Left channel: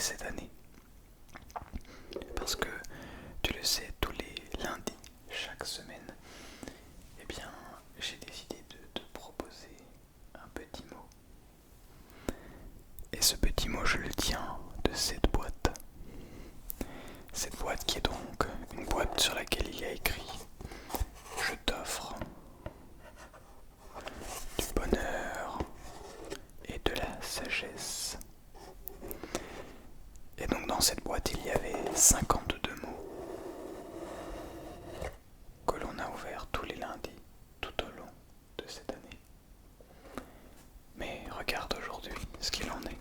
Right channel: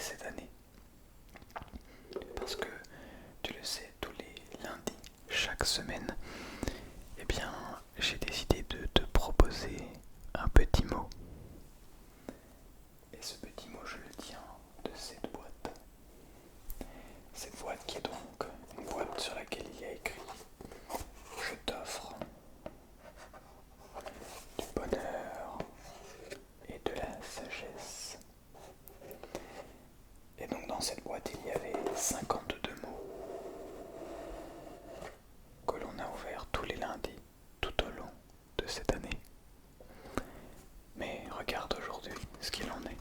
cette année. Parce que, tu le sais, tous les lundis, chaque semaine, eh bien, j'ai décidé de te proposer un petit mot. Et ce petit mot, je le tiens de cette boîte. Cette boîte qui est donc une boîte sur laquelle il y a écrit « Je t'offre du bonheur et de la sagesse ». Et donc dans cette boîte, il y avait 52 mots que l'on a ouverts tous les lundis tout au long de cette année. Mais regarde aujourd'hui ce qu'il en est.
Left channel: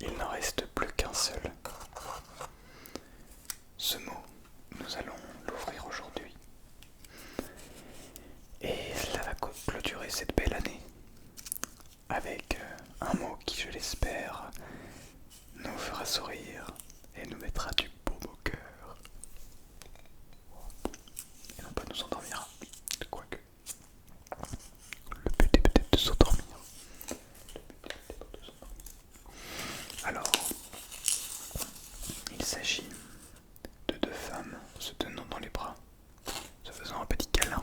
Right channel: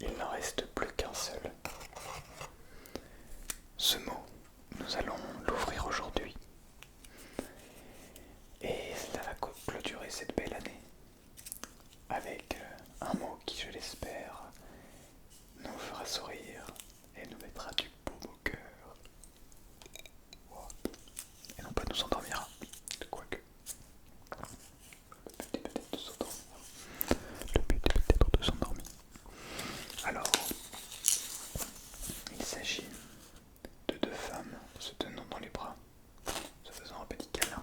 Il n'en reste plus qu'un seul. Ce mot, nous allons l'ouvrir aujourd'hui. Et cela va clôturer cette belle année avec un mot qui, je l'espère, nous fera sourire et nous mettra du baume au cœur. Et non pas nous endormira, quoique. Le but est peut-être de s'endormir. Le but est peut-être de s'endormir. Alors, il s'agit de deux femmes se tenant dans les bras, se faisant un petit câlin.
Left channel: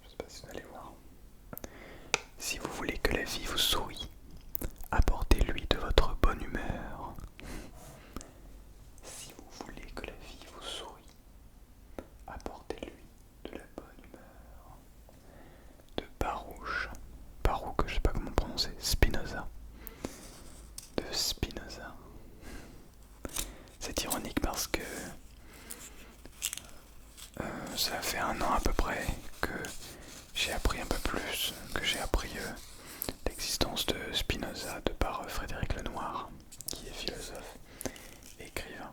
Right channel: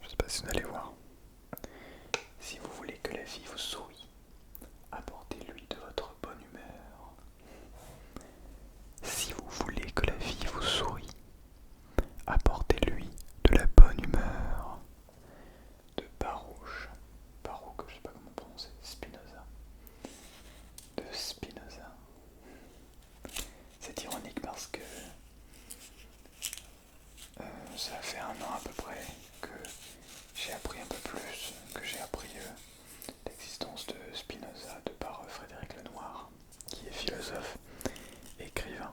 Je ne sais pas si vous allez voir. Si vous voulez que la vie vous sourie, apportez-lui de votre bonne humeur. Si vous voulez que la vie vous sourie, apportez-lui de la bonne humeur. De Baruch, je sais pas comment prononcer, Spinoza. De Spinoza. C'est ironique parce que ça fait un an à peu près que j'ai appris un peu plus, que j'ai appris l'existence de Spinoza de par Frédéric Lenoir, qui est philosophe, écrivain,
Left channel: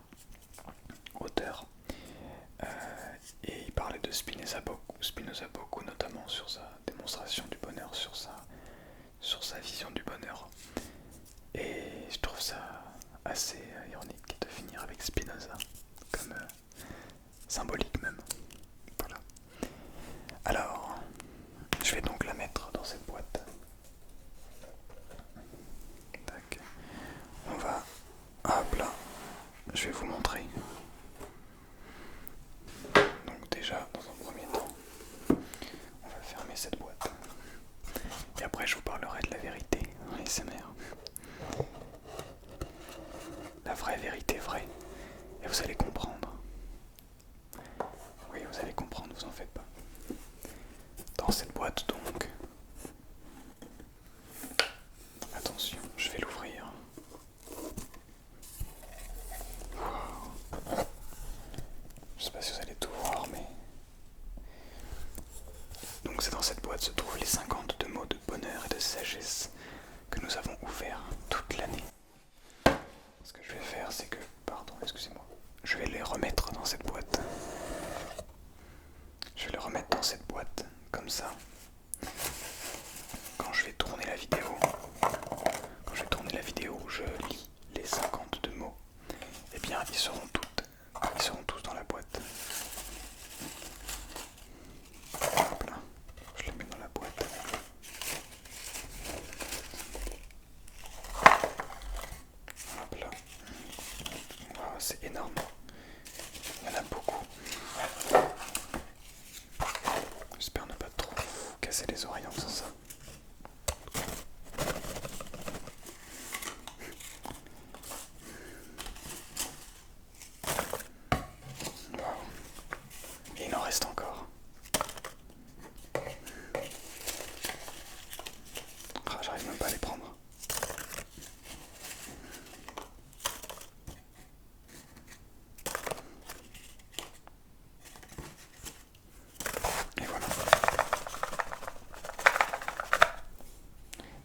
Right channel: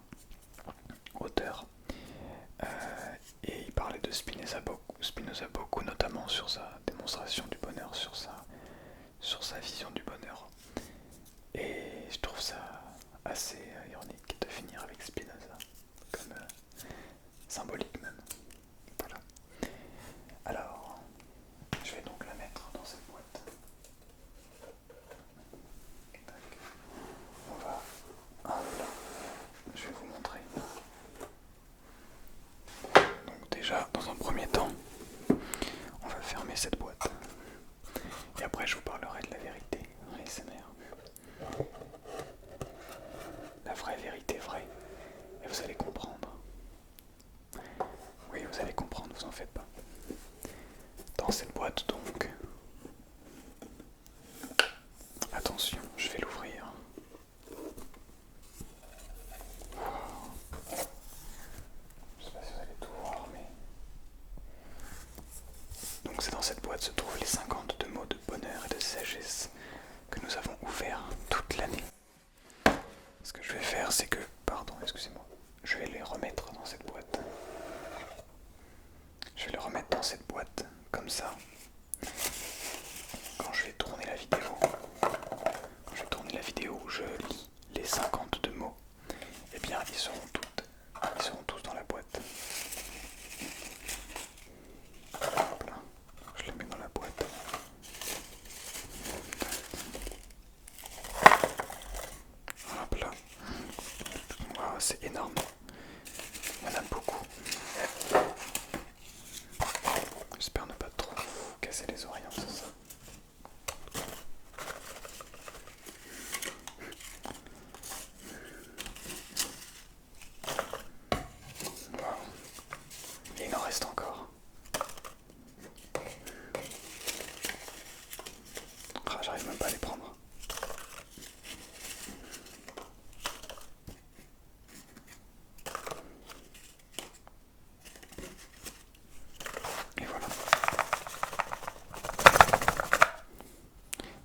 auteur. Et il parlait de Spinoza beaucoup, notamment sur sa démonstration du bonheur, sur sa vision du bonheur. Et je trouve ça assez ironique de finir avec Spinoza, comme symbolique même. Voilà. Alors, je vais donc la mettre dans cette boîte. Tac. On va... Hop là. Je vais vous montrer. Donc déjà, dans un premier temps, on va fermer cette boîte. Et après, je vous parlerai de la vérité dans les SMR. La vraie vérité vraie. Et vous allez comprendre. Oui, vous allez comprendre, vous en faites pas. Dans cette boîte donc, attention, je vais l'ouvrir. Wow. Je sais pas si vous allez tout voir, mais... Donc c'est dans cette boîte se trouvent les 52 mots de bonheur et de sagesse que nous avons ouverts toute l'année. Ce que je vais faire, c'est que... Pardon, excusez-moi. Je vais les remettre dans cette boîte. Je vais les remettre dans cette boîte, comme ça. Quand je vais tourner la vidéo où je lis les 52 mots, eh bien ils seront tous dans la boîte. Hop là, je les mets dans la boîte. Hop là. Wow, c'est énorme. Il y en a beaucoup. J'espère ne pas trop vous casser les oreilles en faisant ça. Et il en reste encore. Ah, j'arrive même pas à les prendre. Et voilà.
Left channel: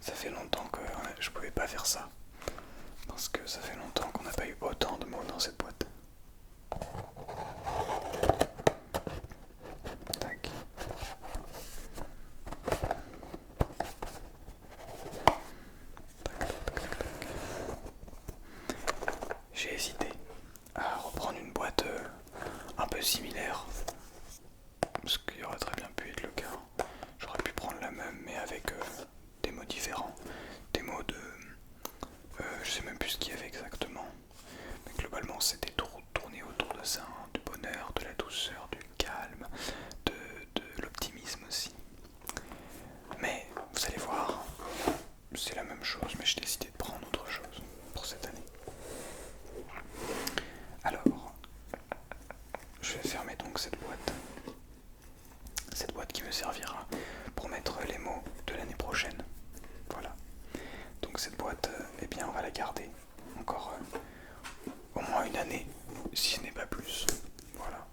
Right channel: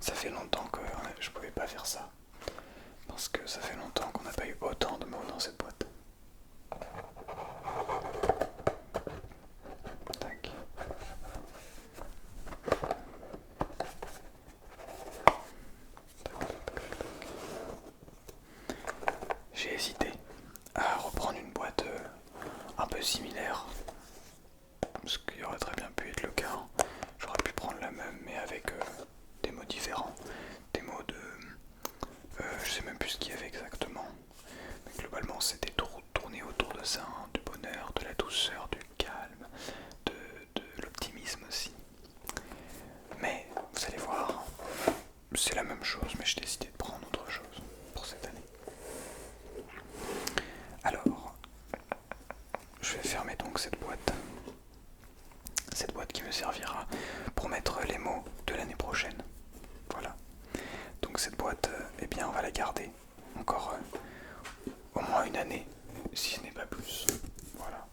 Ça fait longtemps que je pouvais pas faire ça. Parce que ça fait longtemps qu'on n'a pas eu autant de mots dans cette boîte. Tac. J'ai hésité à reprendre une boîte un peu similaire, ce qui aurait très bien pu être le cas. J'aurais pu prendre la même mais avec des mots différents, des mots de... je sais même plus ce qu'il y avait exactement, mais globalement c'était tourné autour de ça, hein, du bonheur, de la douceur, du calme, de l'optimisme aussi. Mais vous allez voir, c'est la même chose, mais j'ai décidé de prendre autre chose pour cette année. Alors, je vais fermer donc cette boîte. Cette boîte qui me servira pour mettre les mots de l'année prochaine. Voilà. Donc cette boîte, eh bien on va la garder encore au moins une année, si ce n'est pas plus. Voilà.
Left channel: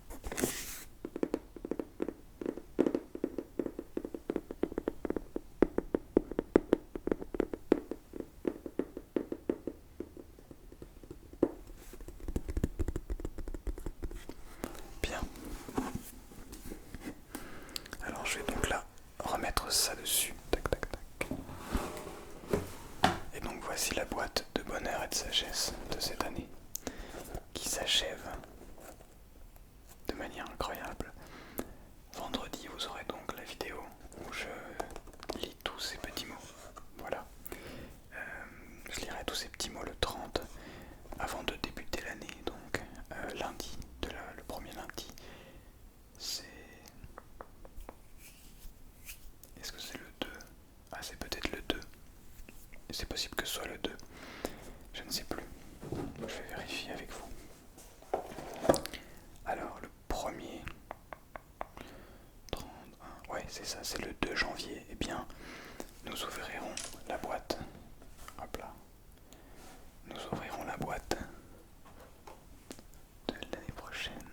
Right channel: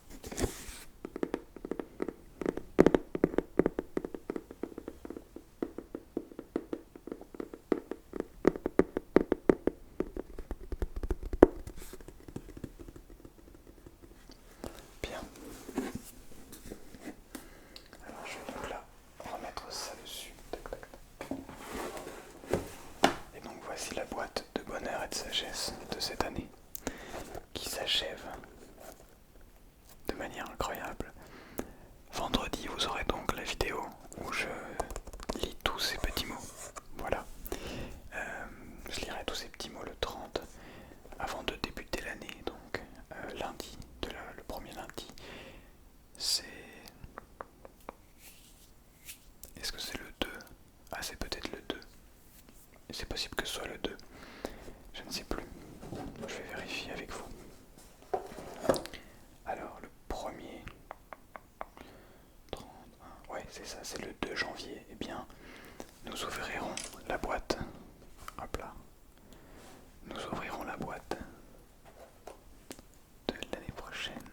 Bien. Alors je vais donc là remettre ça dessus. Tac tac tac. Et donc voici la boîte de bonheur et de sagesse de cette année qui s'achève de manière incroyable. Vendredi, vous aurez donc la vidéo où je lis tous ces petits mots. Voilà. Je lirai tous ces petits mots le 30 avant de débuter l'année. Donc lundi, le premier lundi, c'est... Est-ce que c'est le 2? Ah, c'est peut-être le 2. C'est possible que ce soit le 2. Je ne sais plus. Je vais vérifier avec vous. Alors, le premier... 31... Ouais, c'est ça, c'est le 2 janvier. Eh bien, nous ouvrirons la boîte. Hop là. Nous ouvrirons la boîte de l'année prochaine.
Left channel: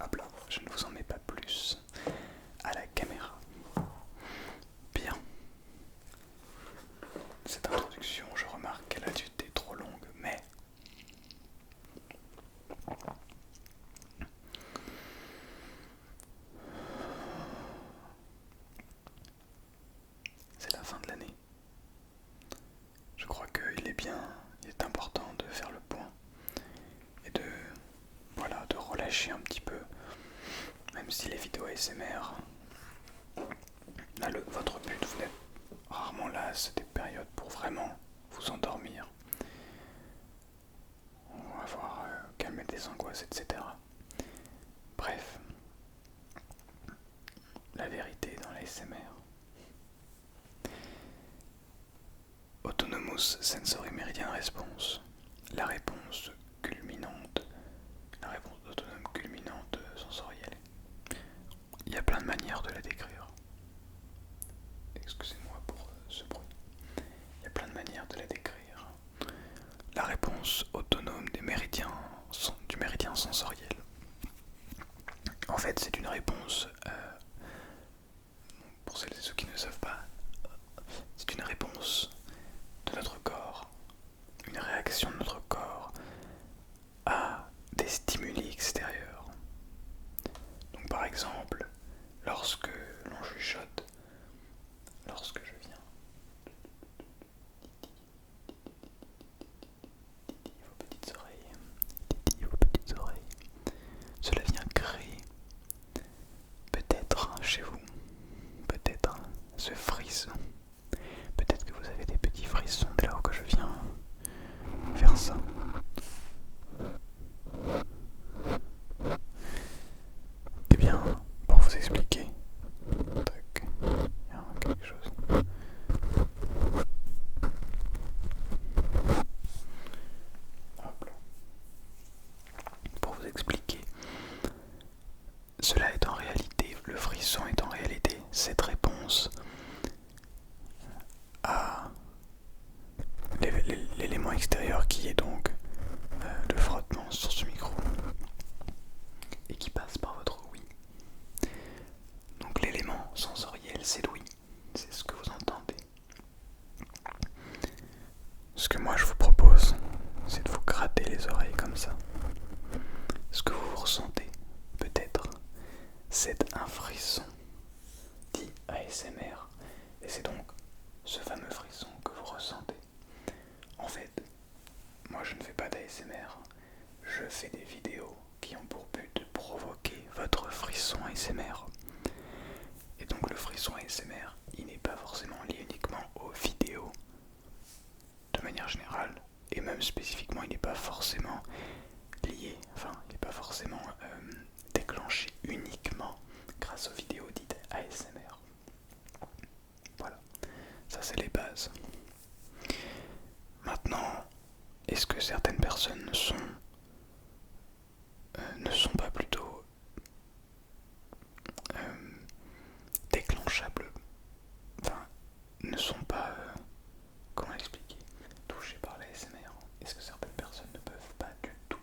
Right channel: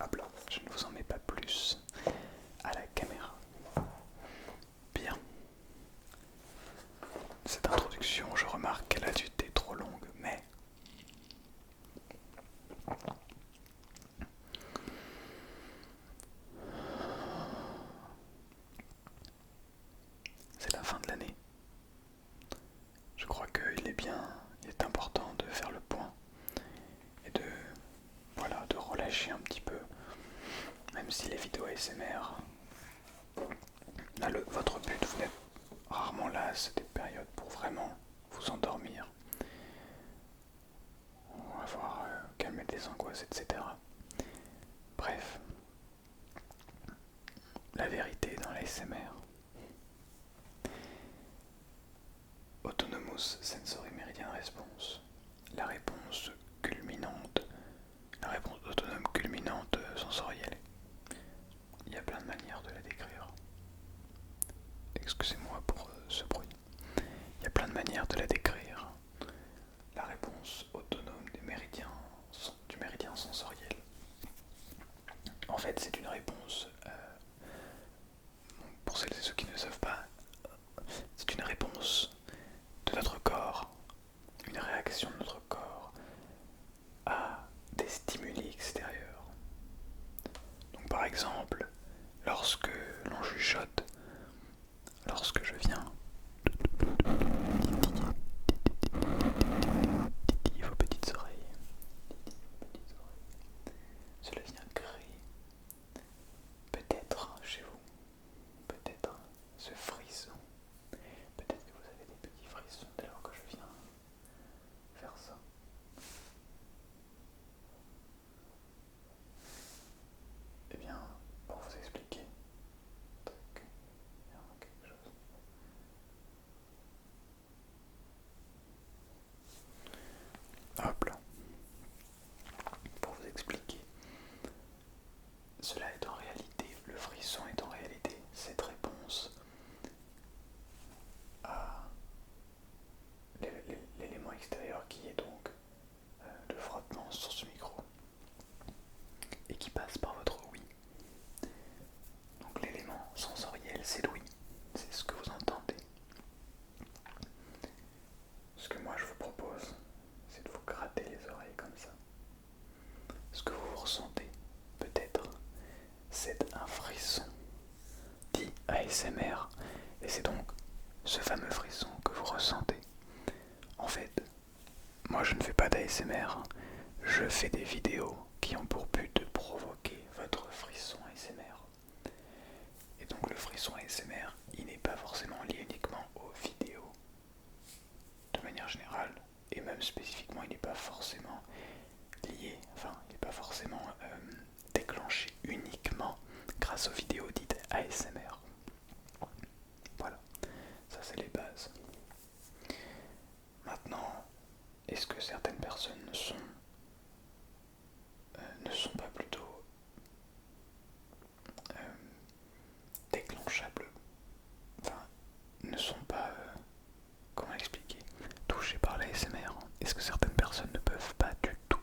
Hop là, je ne vous en mets pas plus à la caméra. Bien. Cette introduction, je remarque qu'elle a été trop longue, mais... c'est la fin de l'année. Je crois qu'il est important de faire le point et de relâcher un petit peu, même si les vidéos ASMR, votre but, vous n'êtes rarement là, c'est des périodes pour vraiment vous endormir, avoir calmé des angoisses, etc. Bref, la vérité dans l'ASMR. Autonomous Sensory Meridian Response, la réponse autonome culminante sensorielle. Il y a plein de manières de la décrire. Excusez-moi pour ce bruit. Il y a plein de manières de la décrire. La réponse autonome du méridien sensoriel. En fait, c'est une réponse, pour celles et ceux qui ne savent pas, c'est une réponse de notre corps, une réaction de notre corps à des stimuli extérieurs. Donc par exemple, lorsque l'on chuchote, lorsque je viens titiller vos petites oreilles, cela vient créer peut-être chez vous, peut-être ce frisson, peut-être que vous avez des petits frissons dès lors que je viens faire ça. Eh bien, pour vous expliquer, il y a quelque chose. Hop là. Pour vous expliquer, cela est en réalité, le frisson est en réalité cette réponse à l'élément extérieur qui est donc le frottement sur ce micro et qui passe par votre ouïe. Donc l'élément sensoriel, c'est l'ouïe, c'est ce que vous entendez. Ce que moi je vous propose, c'est de vous gratter les oreilles comme ça. Ce que vous ressentez, peut-être, c'est un frisson dit ASMR, et c'est donc ce fameux frisson que vous ressentez. En fait, moi je ne fais pas d'ASMR, je fais des vidéos qui ont pour but de provoquer votre frisson ASMR. Et donc le frisson ASMR, il n'est pas forcément lié uniquement aux vidéos, de manière générale, et même spécifiquement, il n'est pas forcément lié, enfin, il n'est pas forcément déclenché uniquement grâce aux vidéos dites ASMR. Voilà, ça c'est les bases. Maintenant, est-ce que certaines personnes ne sont pas plutôt déclenchables, enfin, ne sont pas, comment expliquer, touchées par l'ASMR? Est-ce que certaines personnes ne peuvent pas du tout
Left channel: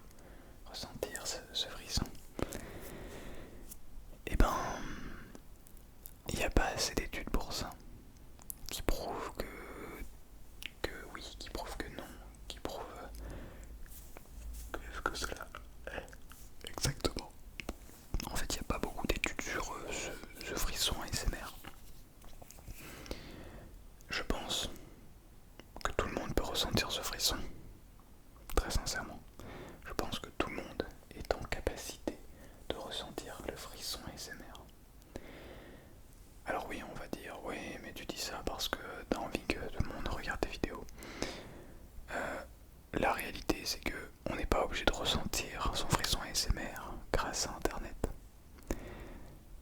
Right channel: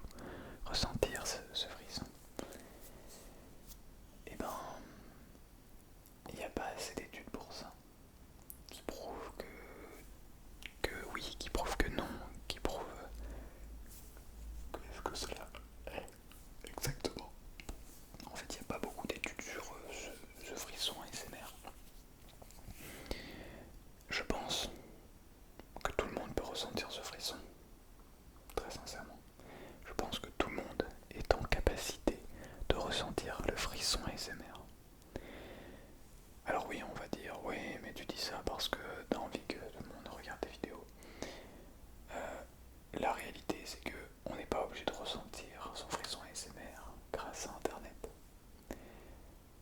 ressentir ce frisson? Eh ben, il n'y a pas assez d'études pour ça, qui prouvent que oui, qui prouvent que non, qui prouvent que cela est exactement. En fait, il n'y a pas beaucoup d'études sur ce frisson ASMR. Je pense que tout le monde peut ressentir ce frisson, très sincèrement. Je pense que tout le monde est en capacité de ressentir le frisson ASMR. Alors oui, on va dire, oui, mais tu dis ça parce que t'as envie que tout le monde regarde tes vidéos. La réalité, c'est que on n'est pas obligé de ressentir son frisson ASMR grâce à Internet.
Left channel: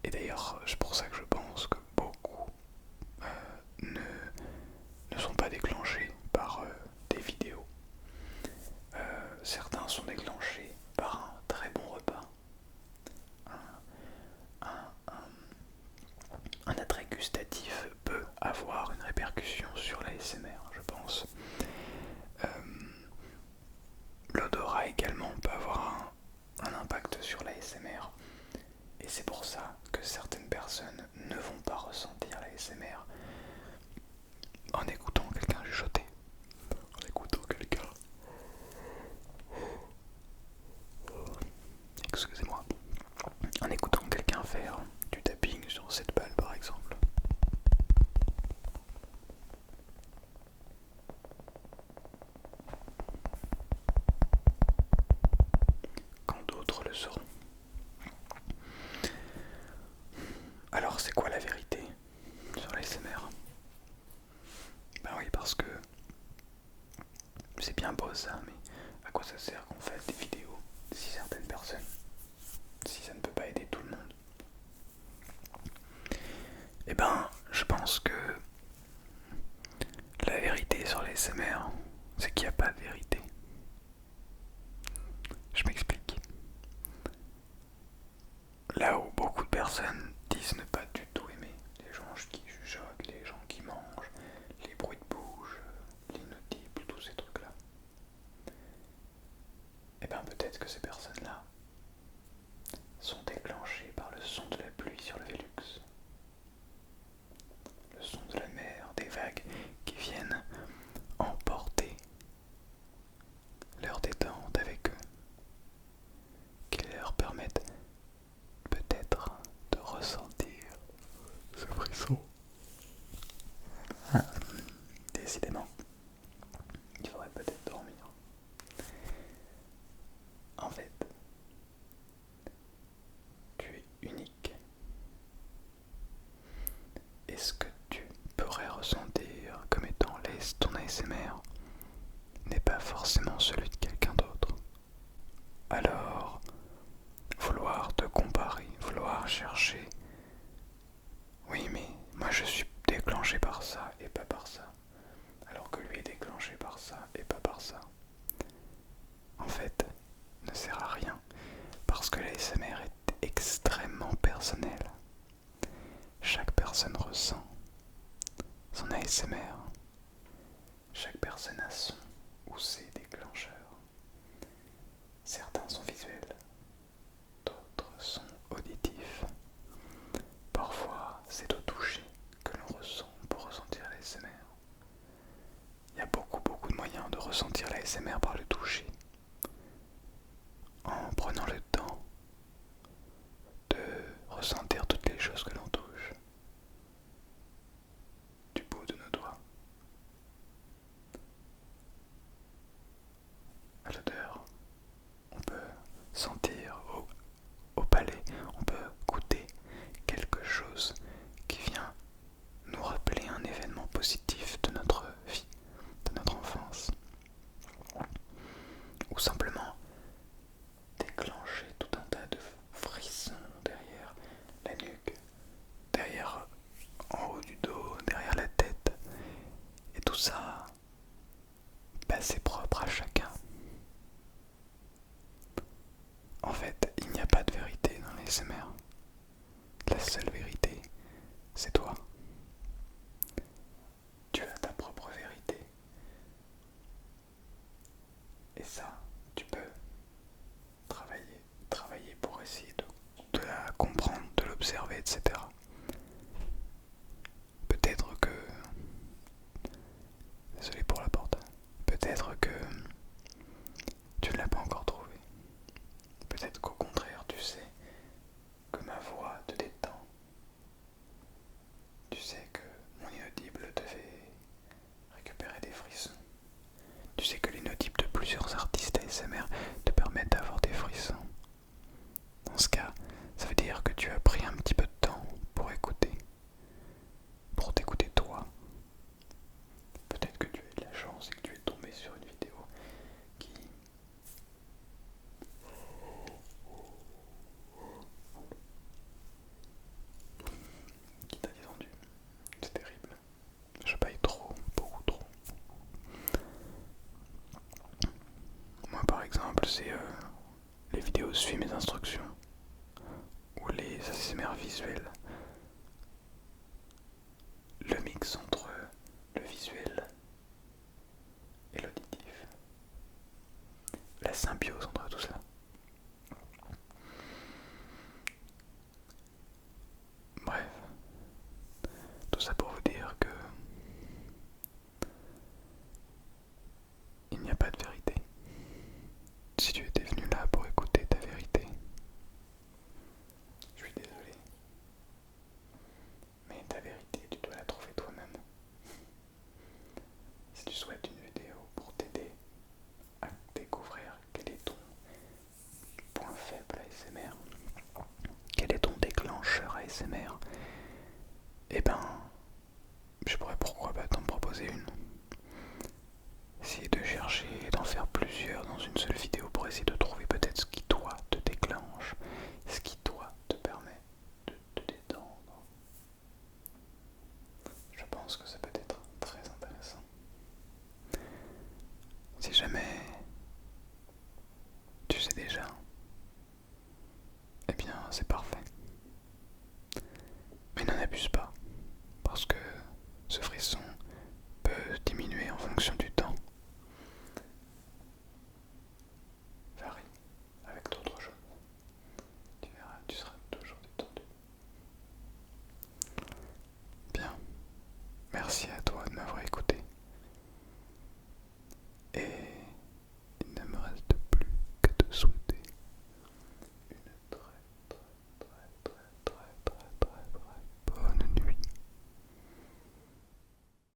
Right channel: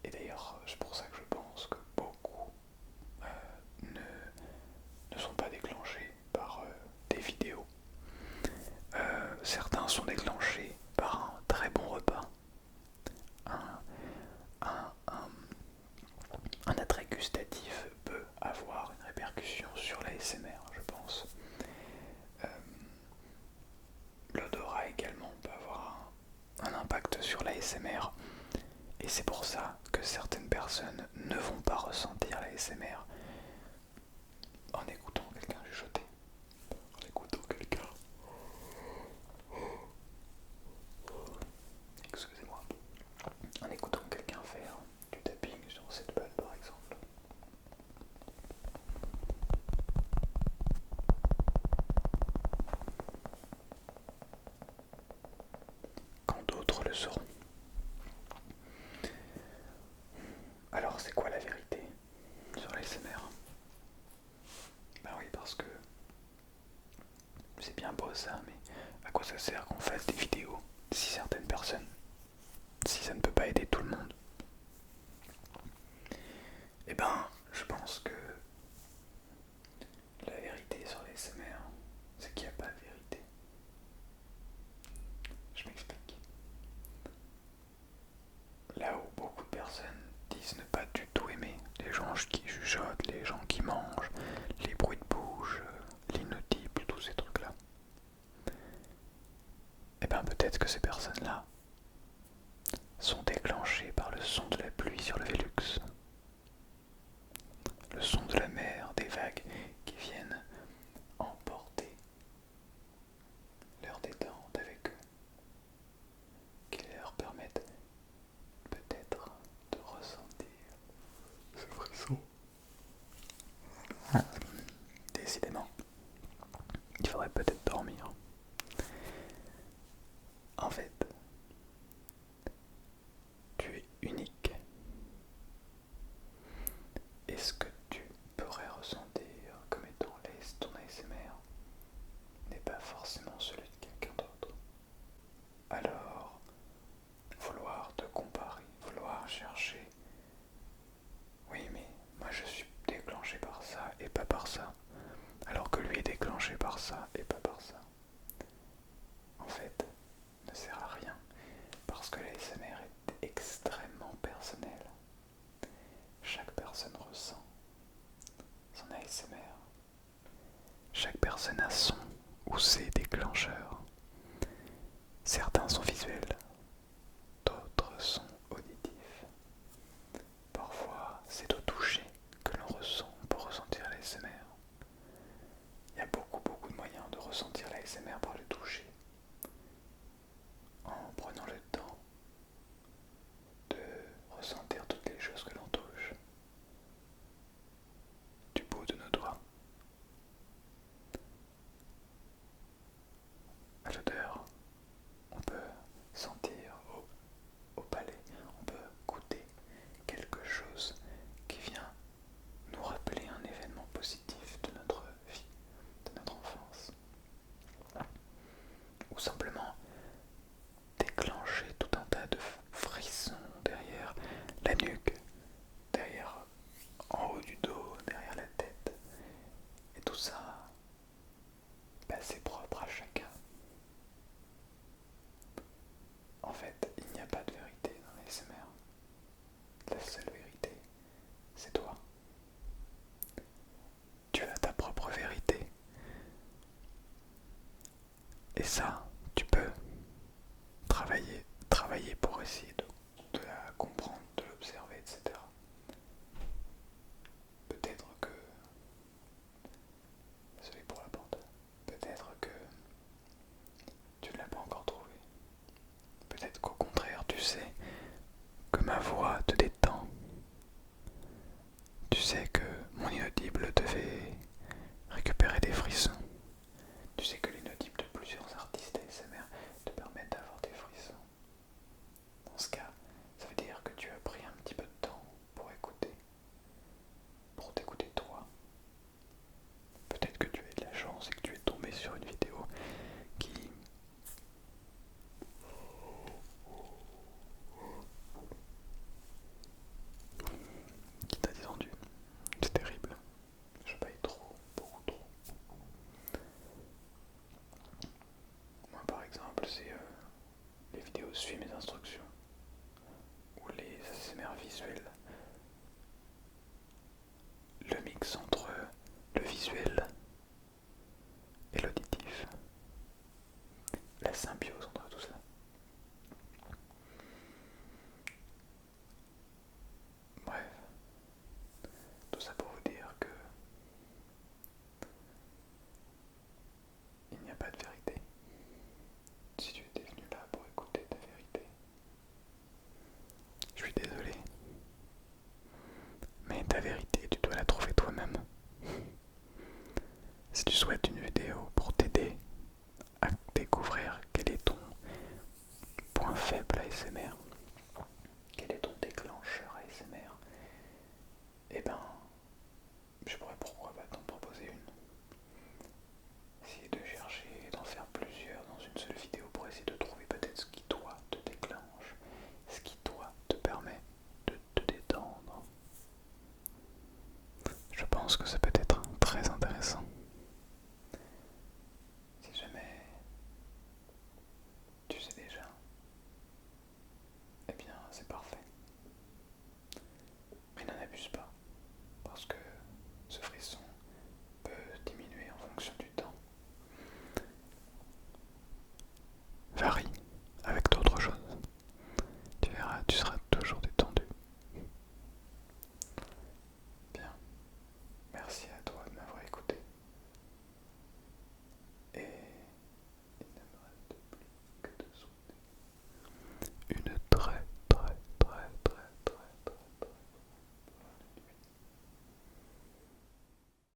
Et d'ailleurs, c'est pour ça que je pense que beaucoup ne sont pas déclenchés par des vidéos. Certains sont déclenchés par un très bon repas, un attrait gustatif peut avoir une répercussion sur l'ASMR, je pense. L'odorat également peut avoir un impact sur l'ASMR. Et c'est pour ça que certaines personnes ne vont pas ressentir l'ASMR en écoutant quelqu'un chuchoter, en écoutant quelqu'un... Excusez-moi. En écoutant quelqu'un faire du tapping sur cette balle par exemple. Quand d'autres le seront. Alors c'est quoi la vérité sur l'ASMR? Ben oui, parce que c'est bien beau ça, mais à quoi ça sert qu'on fasse des vidéos si certaines personnes, si ça ne peut pas aider tout le monde? Eh ben, je pense que la vérité sur l'ASMR, c'est qu'il n'y a pas de vérité. Je m'explique. Là où beaucoup de personnes disent ne pas du tout aimer les gens qui chuchotent, les gens qui mangent, les bruits de bouche, l'inaudible, tous ces trucs-là, eh ben peut-être que ces personnes-là sont déclenchées par le son de la pluie sur le Velux, le son de la mer, des vagues qui viennent emporter leur détente avec eux, qui leur permettent peut-être de ressentir ce frisson. Décidément, il faudrait peut-être dormir. En fait, tu es unique. Et ce que tu pourrais ressentir comme étant ton ASMR n'est pas forcément celui de quelqu'un d'autre. Alors, vouloir te comparer, vouloir chercher, oui mais moi je suis déclenché par ça et pas par ça, alors que lui est déclenché par ça et pas par ça, en fait, ne sert à rien, parce que l'ASMR est extrêmement personnel. Chaque personne ressent son ASMR. Chaque personne a son ou ses déclencheurs. Certains sont visuels, d'autres sont auditifs. Parfois, c'est au toucher que l'on ressent pour ressentir l'ASMR. Il y a beaucoup de moyens de ressentir l'ASMR par le toucher. En prenant le temps de ressentir toutes les choses que l'on touche. Du bout de nos doigts à l'odeur, on peut sentir chose qui vient nous rappeler un événement positif de notre vie, de notre enfance, ou simplement déclencher tout un tas de frissons derrière la nuque, derrière en haut du dos, derrière la tête, et tout ça, c'est propre à chacun. En fait, il n'y a pas de vérité dans les SMR. La seule vérité, c'est toi. Tu as ta propre vérité. Et ça, tu peux travailler pour essayer de la comprendre, de l'observer, etc. Peut-être que... Désolé pour la porte. Peut-être que tu ne l'as pas encore trouvé. Peut-être qu'au contraire, tu sais que ma voix te détend. Tu sais que mon inaudible te fait récupérer des frissons. Tu sais que l'inaudible de plusieurs artistes ASMR te permettent d'avoir des frissons. Dans ce cas, ça veut dire que tu as pris un petit peu de temps pour écouter, pour t'écouter toi. Peut-être que tu as eu de la chance et que tu es tombé sur une vidéo qui t'a détendu. C'est terrible. Je paye trop, beaucoup trop. Moi par exemple, c'est les vidéos suivent mes instructions ou les ASMR visuels. Le mix entre le visuel et l'auditif. La symbiose entre tout cela. Bref, tout ça pour vous dire que il n'y a pas de vérité. Si tu étais venu là pour écouter ta vérité, je suis désolé, mais ta vérité, tu dois la trouver toi-même. Si tu souhaites une vidéo pour t'aider à découvrir quel est ton point faible ASMR, quel est ton déclencheur ASMR, eh ben, je pourrais pourquoi pas t'en proposer une. Essayer de chercher, d'en faire plusieurs dans une seule vidéo pour essayer de trouver peut-être ce qui toi te déclenche, ce qui toi te permet de te détendre. Je pense que ça peut